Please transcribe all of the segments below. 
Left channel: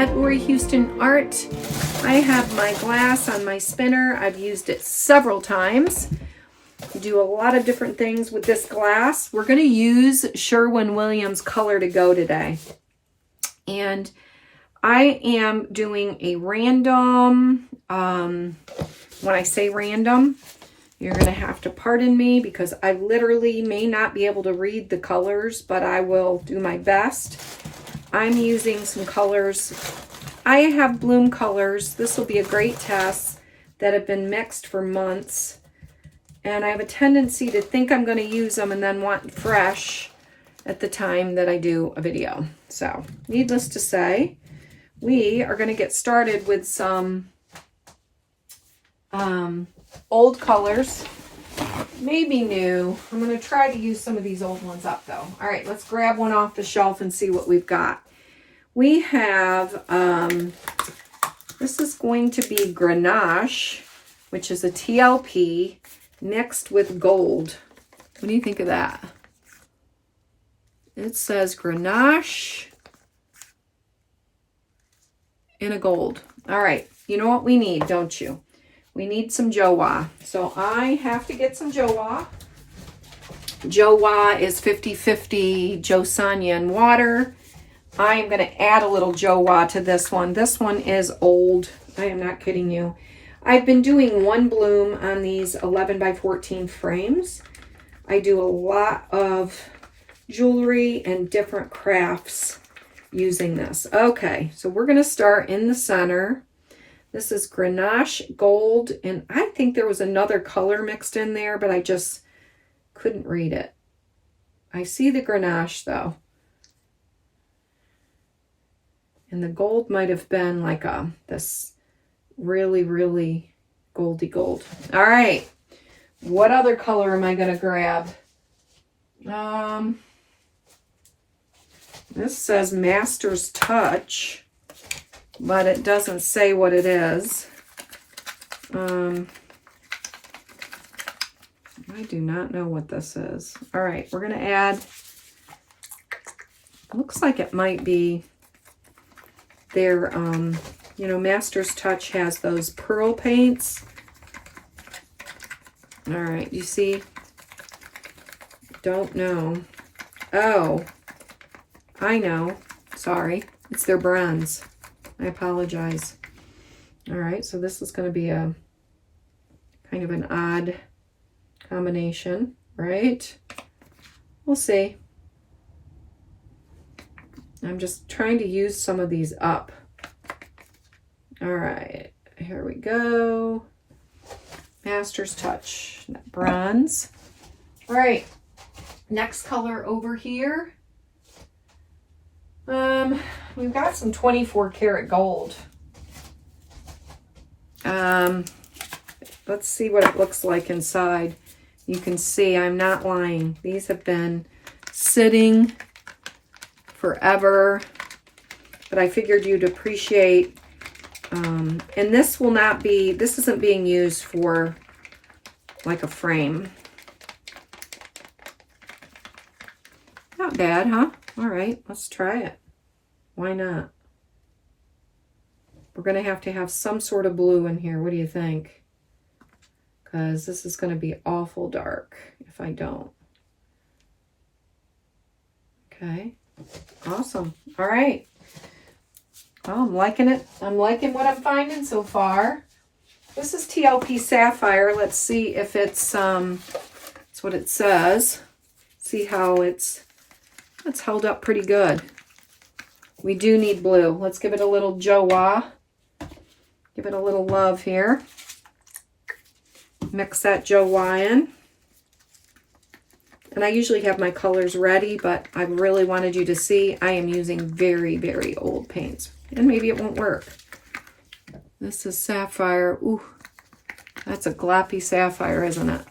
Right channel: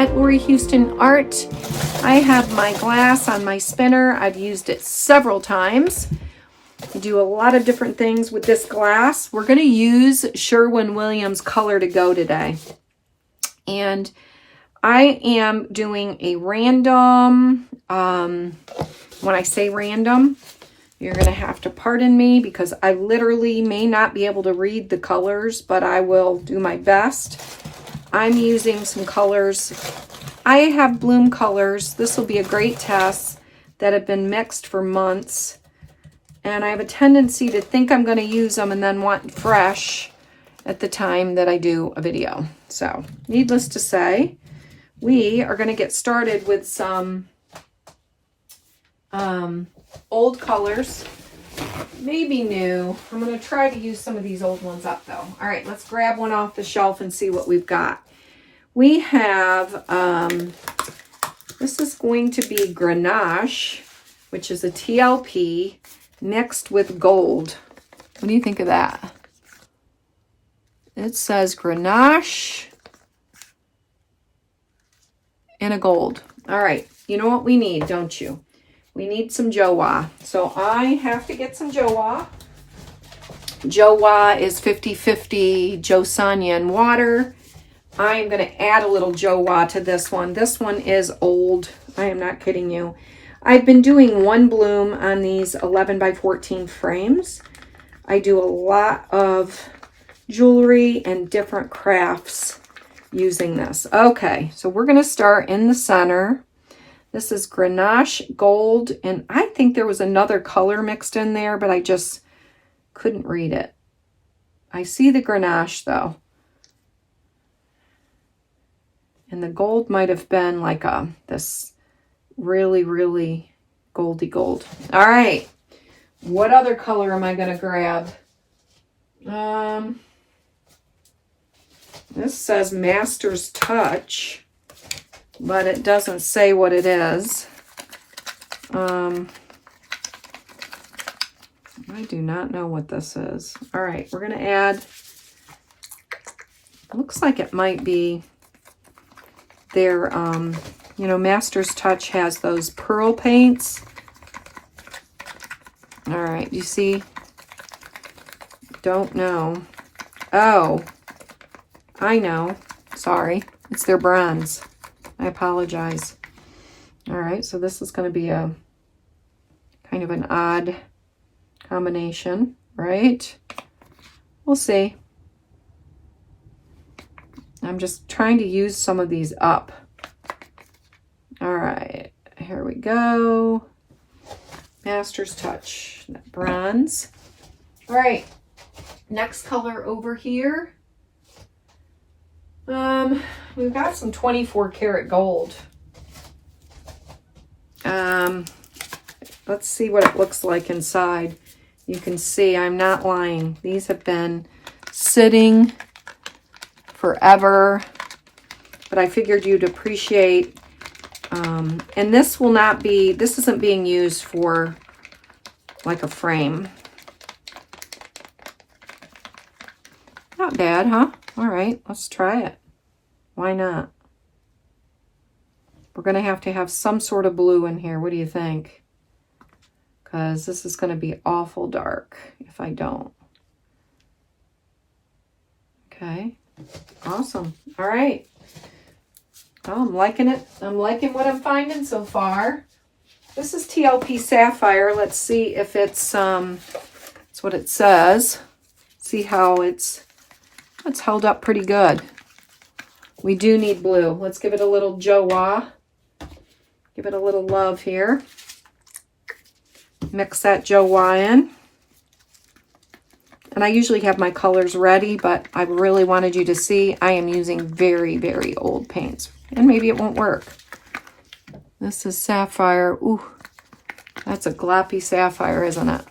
at Lori Houston Art. I have my glass on my spinner. I've used it several times. I do a lot of different things with this glass. We're going to use Sherwin-Williams Color to Go today. And I am doing a random, when I say random, you're going to have to pardon me because I literally may not be able to read the colors, but I will do my best. I'm using some colors. I have bloom colors. This will be a great test that have been mixed for months. And I have a tendency to think I'm going to use them and then want fresh at the time that I do a video. So, needless to say, we are going to get started with some old colors, maybe new. I'm going to try to use some of these old ones up though. All right, let's grab one off the shelf and see what we've got. We have, this is going to be Grenache, which is a TLP mixed with gold. What do you think of that? It says Grenache in a gold. All right, you know what we need, don't you? We need some Jowa. So I have to get some Jowa. Jowa is 50-50 Jo Sonia and water. I am going to add a little Jowa to this one. This one is old. I am not kidding you. I've been doing one bloom on these 11 by 14 frames. I do a lot of jewelry and different crafts using this. Okay, so we're going to start in the center. This is Grenache Gold, and I think there was another color mixed in there, but I just couldn't read it. I see the Grenache, though. And the gold might have been like this really, really goldy gold. All right. What other color am I going to grab? This says Master's Touch, but it doesn't say what it is. I do not know what this is. All right, we're going to add, looks like it might be their, you know, Master's Touch has those pearl paints. All right, you see? Don't know. Oh, I know. Sorry. It's their bronze. I apologize. All right, so this is going to be a kind of an odd combination, right? We'll see. I'm just trying to use some of these up. All right, here we go. Master's Touch, that bronze. All right, next color over here. We've got some 24 karat gold. Let's see what it looks like inside. You can see I'm not lying. These have been sitting forever, but I figured you'd appreciate, and this will not be, this isn't being used for like a frame. Not bad, huh? All right, let's try it. Why not? We're going to have some sort of blue in here. What do you think? Because this is going to be awful dark if I don't. Okay. Awesome. All right. Oh, I'm liking it. I'm liking what I'm finding so far. This is TLP Sapphire. Let's see if it's, that's what it says. See how it's held up pretty good. We do need blue. Let's give it a little Jowa. Give it a little love here. Mix that Jowa in. And I usually have my colors ready, but I really wanted you to see I am using very, very old paints. And maybe it won't work. This is Sapphire. Ooh, that's a gloppy sapphire, isn't it?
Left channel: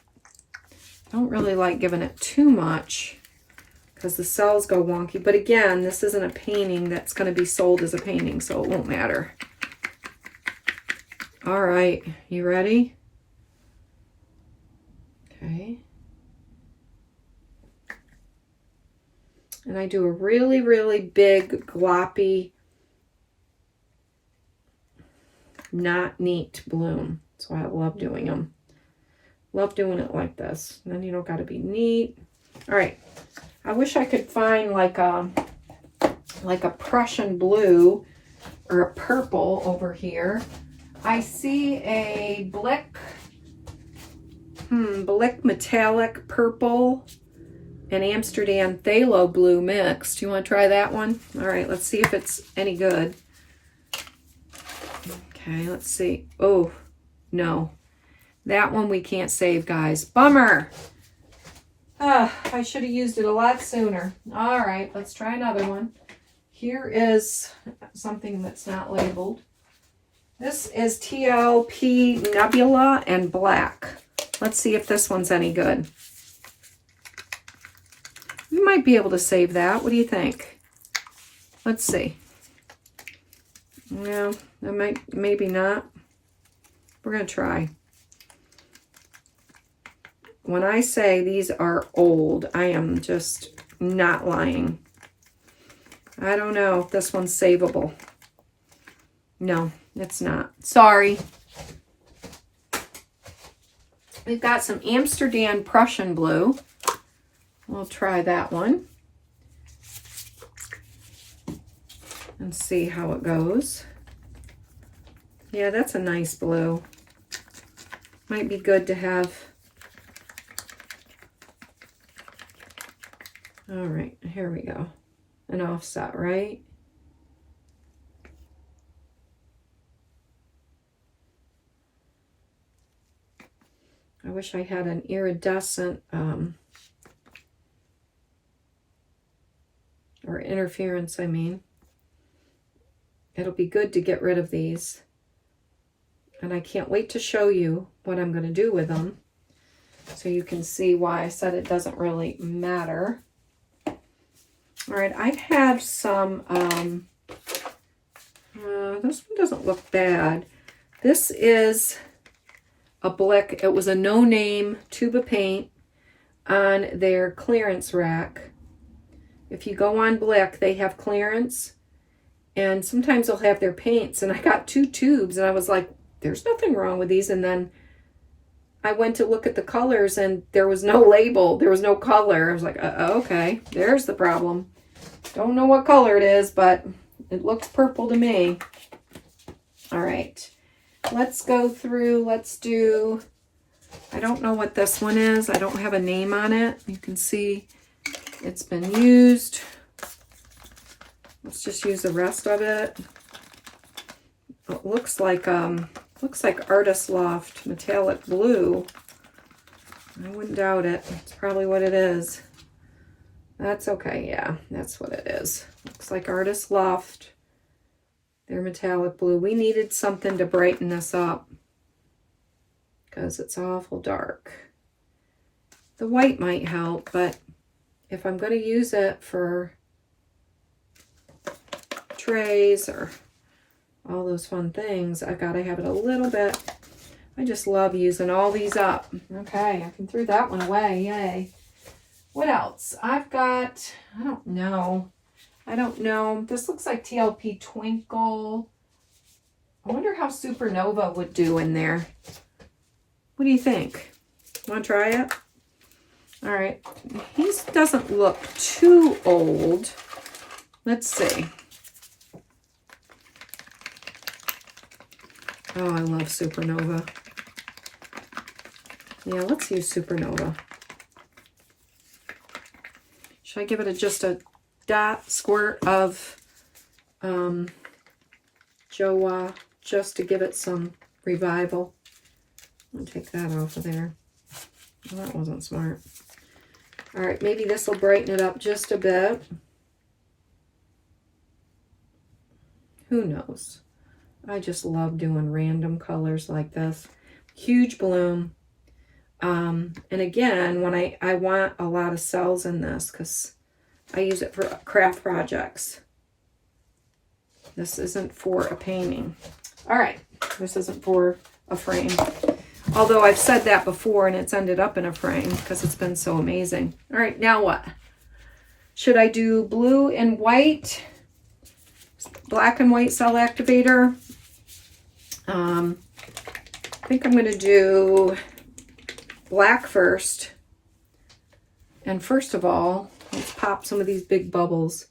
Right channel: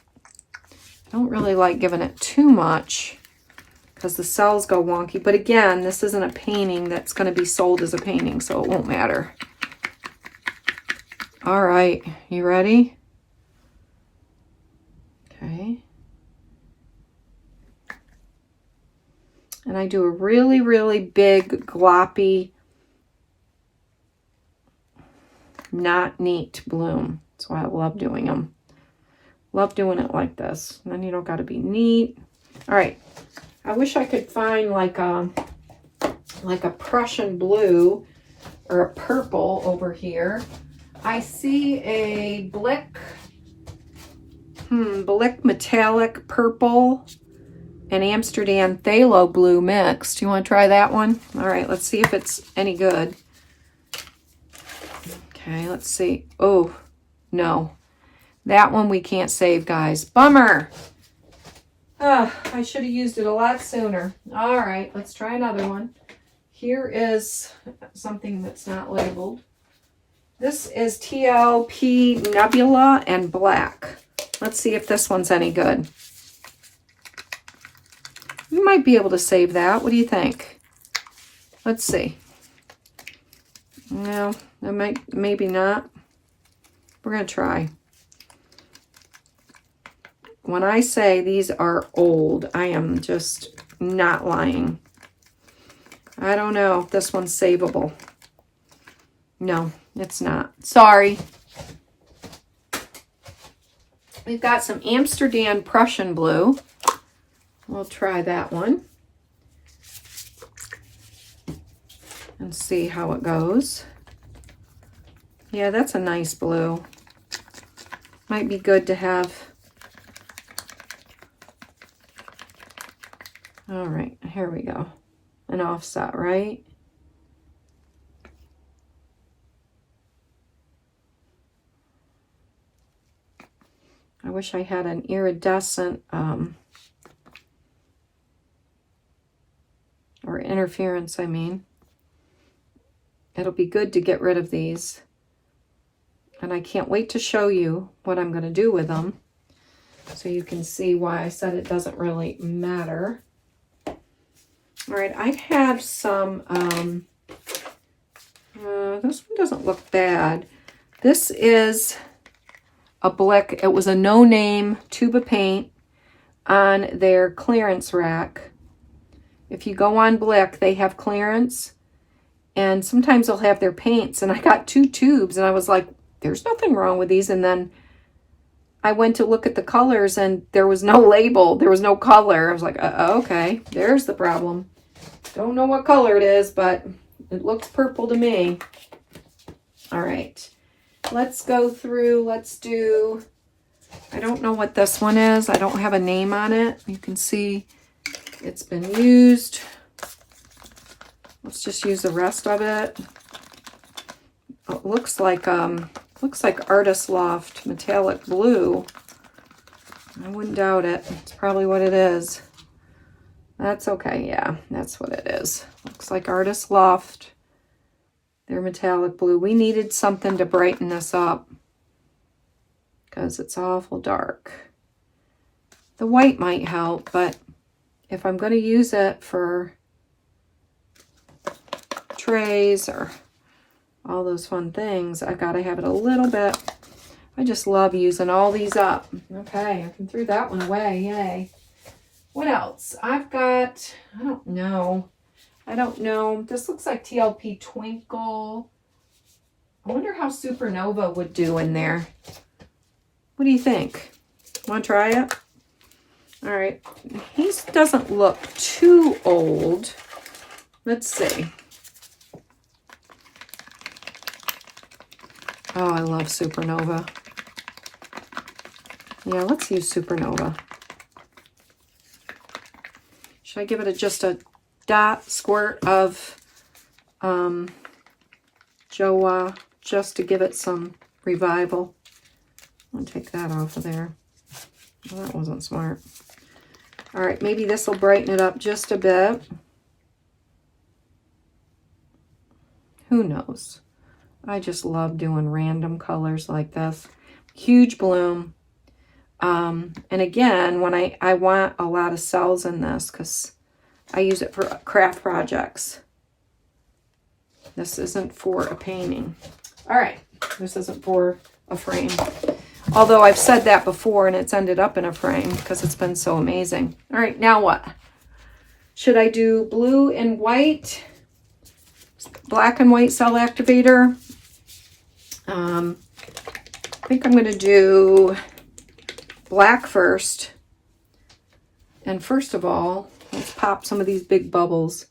I don't really like giving it too much because the cells go wonky. But again, this isn't a painting that's going to be sold as a painting, so it won't matter. All right, you ready? Okay. And I do a really, really big gloppy not neat bloom. That's why I love doing them. Love doing it like this. And then you don't got to be neat. All right. I wish I could find like a Prussian blue or a purple over here. I see a Blick metallic purple and Amsterdam phthalo blue mix. Do you want to try that one? All right, let's see if it's any good. Okay, let's see. Oh, no. That one we can't save, guys. Bummer. I should have used it a lot sooner. All right, let's try another one. Here is something that's not labeled. This is TLP Nebula and Black. Let's see if this one's any good. You might be able to save that. What do you think? Let's see. No, I might, maybe not. We're going to try. When I say these are old, I am just not lying. I don't know if this one's savable. No, it's not. Sorry. We've got some Amsterdam Prussian blue. We'll try that one and see how it goes. Yeah, that's a nice blue. Might be good to have. All right, here we go. An offset, right? I wish I had an iridescent or interference, I mean. It'll be good to get rid of these. And I can't wait to show you what I'm going to do with them, so you can see why I said it doesn't really matter. All right, I have some, this one doesn't look bad. This is a Blick. It was a no-name tube of paint on their clearance rack. If you go on Blick, they have clearance, and sometimes they'll have their paints. And I got 2 tubes, and I was like, there's nothing wrong with these. And then I went to look at the colors, and there was no label. There was no color. I was like, okay, there's the problem. Don't know what color it is, but it looks purple to me. All right, let's go through. Let's do, I don't know what this one is. I don't have a name on it. You can see it's been used. Let's just use the rest of it. It looks like Artist Loft metallic blue. I wouldn't doubt it. It's probably what it is. That's okay. Yeah, that's what it is. Looks like Artist Loft. They're metallic blue. We needed something to brighten this up because it's awful dark. The white might help, but if I'm going to use it for trays or all those fun things, I got to have it a little bit. I just love using all these up. Okay, I can throw that one away. Yay. What else? I've got, I don't know. This looks like TLP Twinkle. I wonder how Supernova would do in there. What do you think? Want to try it? All right. He doesn't look too old. Let's see. Oh, I love Supernova. Yeah, let's use Supernova. Should I give it just a squirt of Joa just to give it some revival? I'll take that off of there. Well, that wasn't smart. All right, maybe this will brighten it up just a bit. Who knows? I just love doing random colors like this. Huge bloom. And again, when I want a lot of cells in this because I use it for craft projects. This isn't for a painting. All right, this isn't for a frame. Although I've said that before and it's ended up in a frame because it's been so amazing. All right, now what? Should I do blue and white? Black and white cell activator? I think I'm going to do black first. And first of all, let's pop some of these big bubbles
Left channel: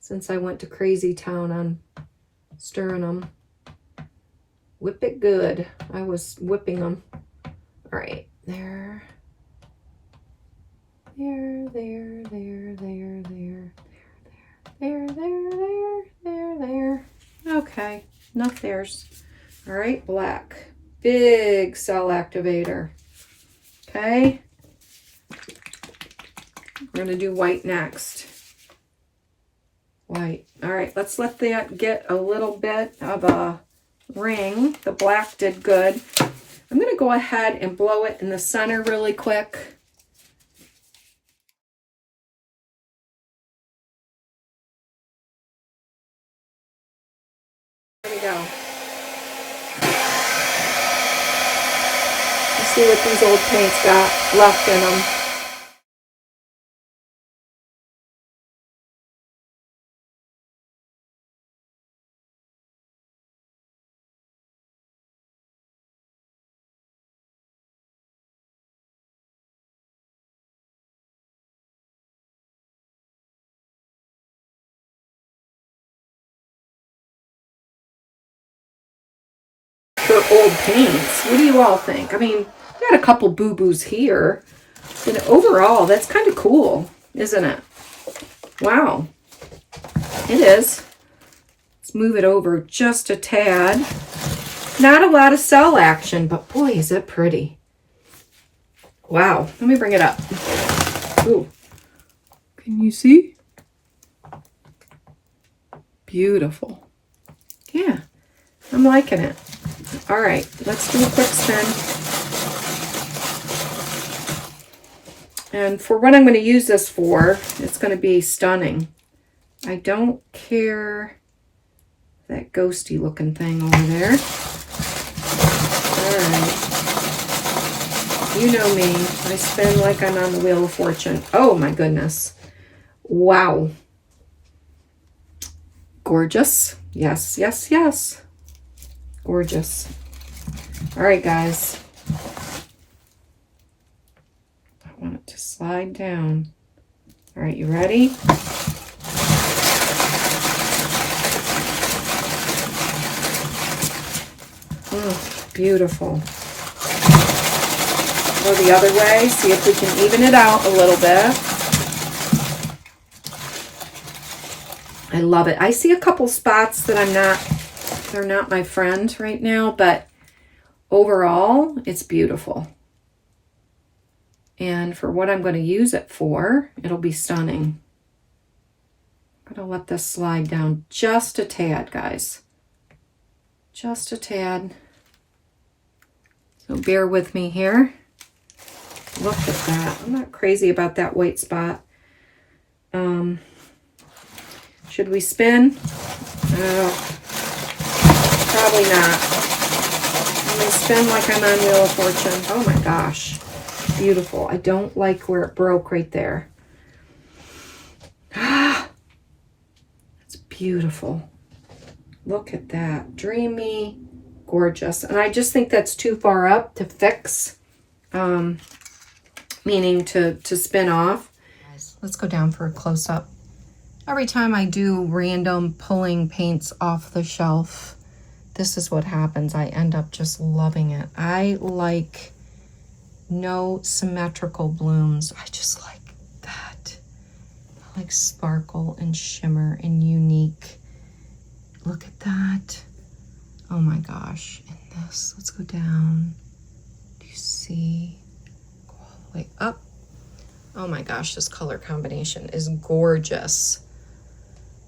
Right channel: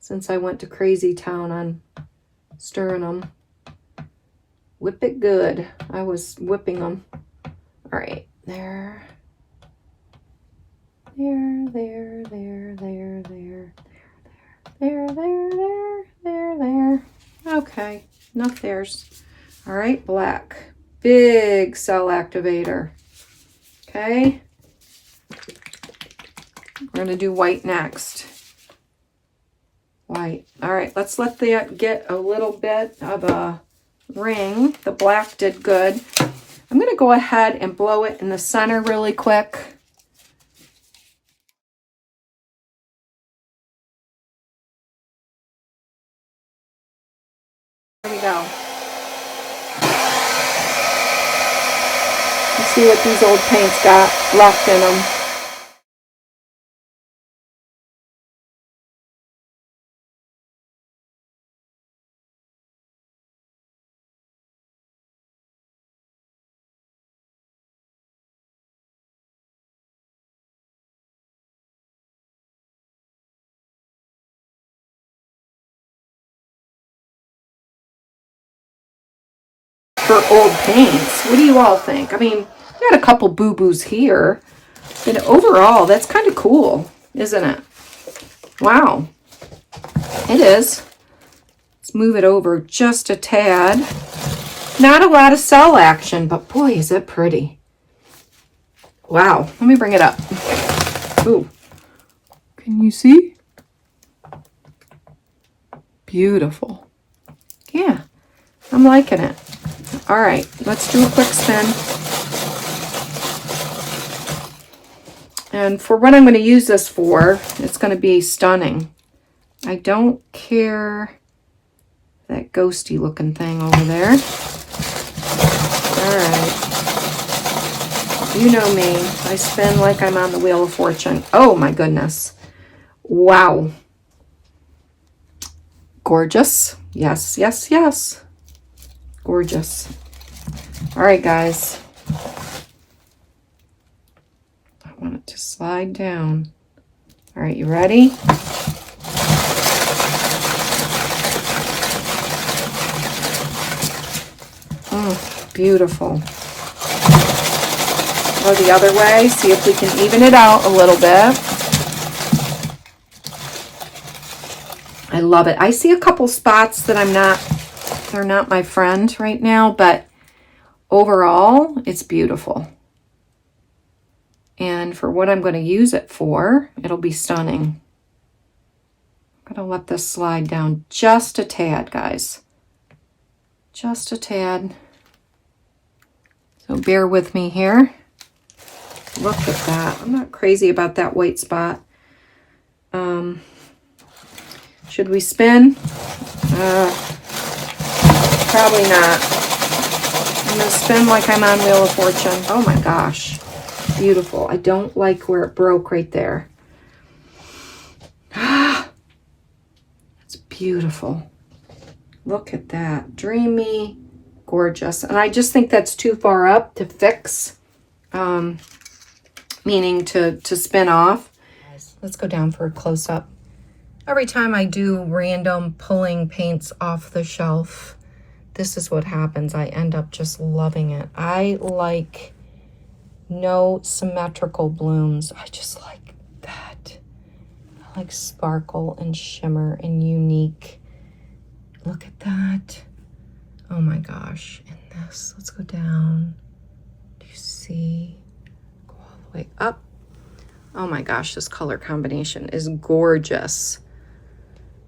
since I went to crazy town on stirring them. Whip it good. I was whipping them. All right, there. There. Okay, enough there's. All right, black. Big cell activator. Okay. We're going to do white next. White. All right, let's let that get a little bit of a ring. The black did good. I'm going to go ahead and blow it in the center really quick. Here we go. Let's see what these old paints got left in them. For old paints, what do you all think? I mean, got a couple boo-boos here, and overall, that's kind of cool, isn't it? Wow, it is. Let's move it over just a tad. Not a lot of cell action, but boy, is it pretty. Wow, let me bring it up. Ooh, can you see? Beautiful. Yeah, I'm liking it. All right, let's do a quick spin. And for what I'm going to use this for, it's going to be stunning. I don't care that ghosty looking thing over there. All right. You know me. I spin like I'm on the Wheel of Fortune. Oh my goodness. Wow. Gorgeous. Yes, yes, yes. Gorgeous. All right, guys. I want it to slide down. All right, you ready? Oh, beautiful. Go the other way. See if we can even it out a little bit. I love it. I see a couple spots that they're not my friend right now, but overall, it's beautiful. And for what I'm going to use it for, it'll be stunning. I'm going to let this slide down just a tad, guys. Just a tad. So bear with me here. Look at that. I'm not crazy about that white spot. Should we spin? Probably not. I'm going to spin like I'm on Wheel of Fortune. Oh my gosh. Beautiful. I don't like where it broke right there. Ah, it's beautiful. Look at that. Dreamy, gorgeous. And I just think that's too far up to fix, meaning to spin off. Let's go down for a close-up. Every time I do random pulling paints off the shelf, this is what happens. I end up just loving it. I like no symmetrical blooms. I just like that. I like sparkle and shimmer and unique. Look at that. Oh my gosh. And this, let's go down. Do you see? Go all the way up. Oh my gosh, this color combination is gorgeous.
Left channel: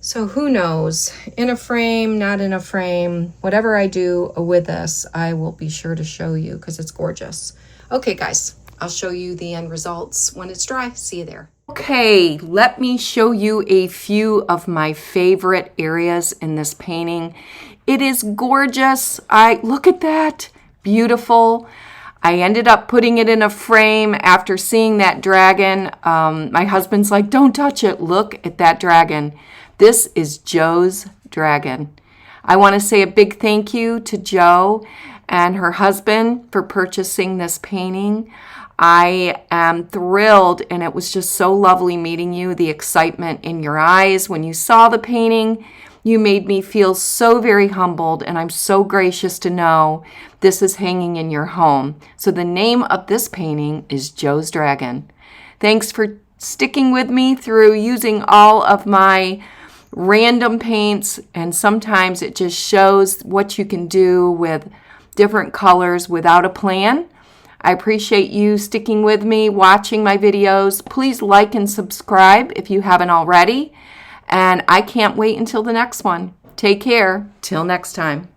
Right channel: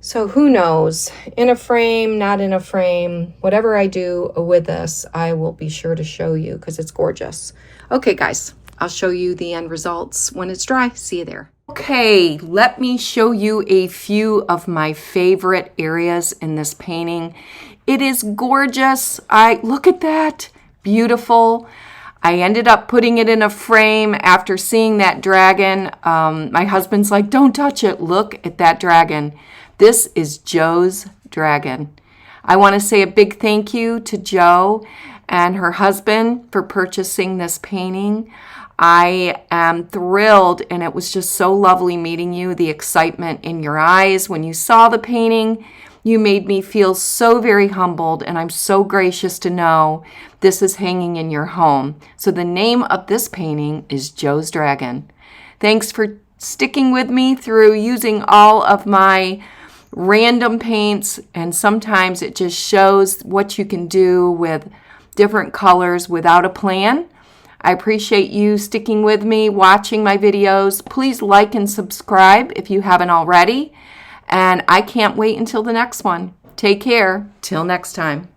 So who knows, in a frame, not in a frame, whatever I do with this, I will be sure to show you because it's gorgeous. Okay, guys, I'll show you the end results when it's dry. See you there. Okay, let me show you a few of my favorite areas in this painting. It is gorgeous. Look at that, beautiful. I ended up putting it in a frame after seeing that dragon. My husband's like, don't touch it. Look at that dragon. This is Joe's dragon. I want to say a big thank you to Jo and her husband for purchasing this painting. I am thrilled, and it was just so lovely meeting you. The excitement in your eyes when you saw the painting, you made me feel so very humbled, and I'm so gracious to know this is hanging in your home. So the name of this painting is Jo's Dragon. Thanks for sticking with me through using all of my random paints, and sometimes it just shows what you can do with different colors without a plan. I appreciate you sticking with me, watching my videos. Please like and subscribe if you haven't already. And I can't wait until the next one. Take care. Till next time.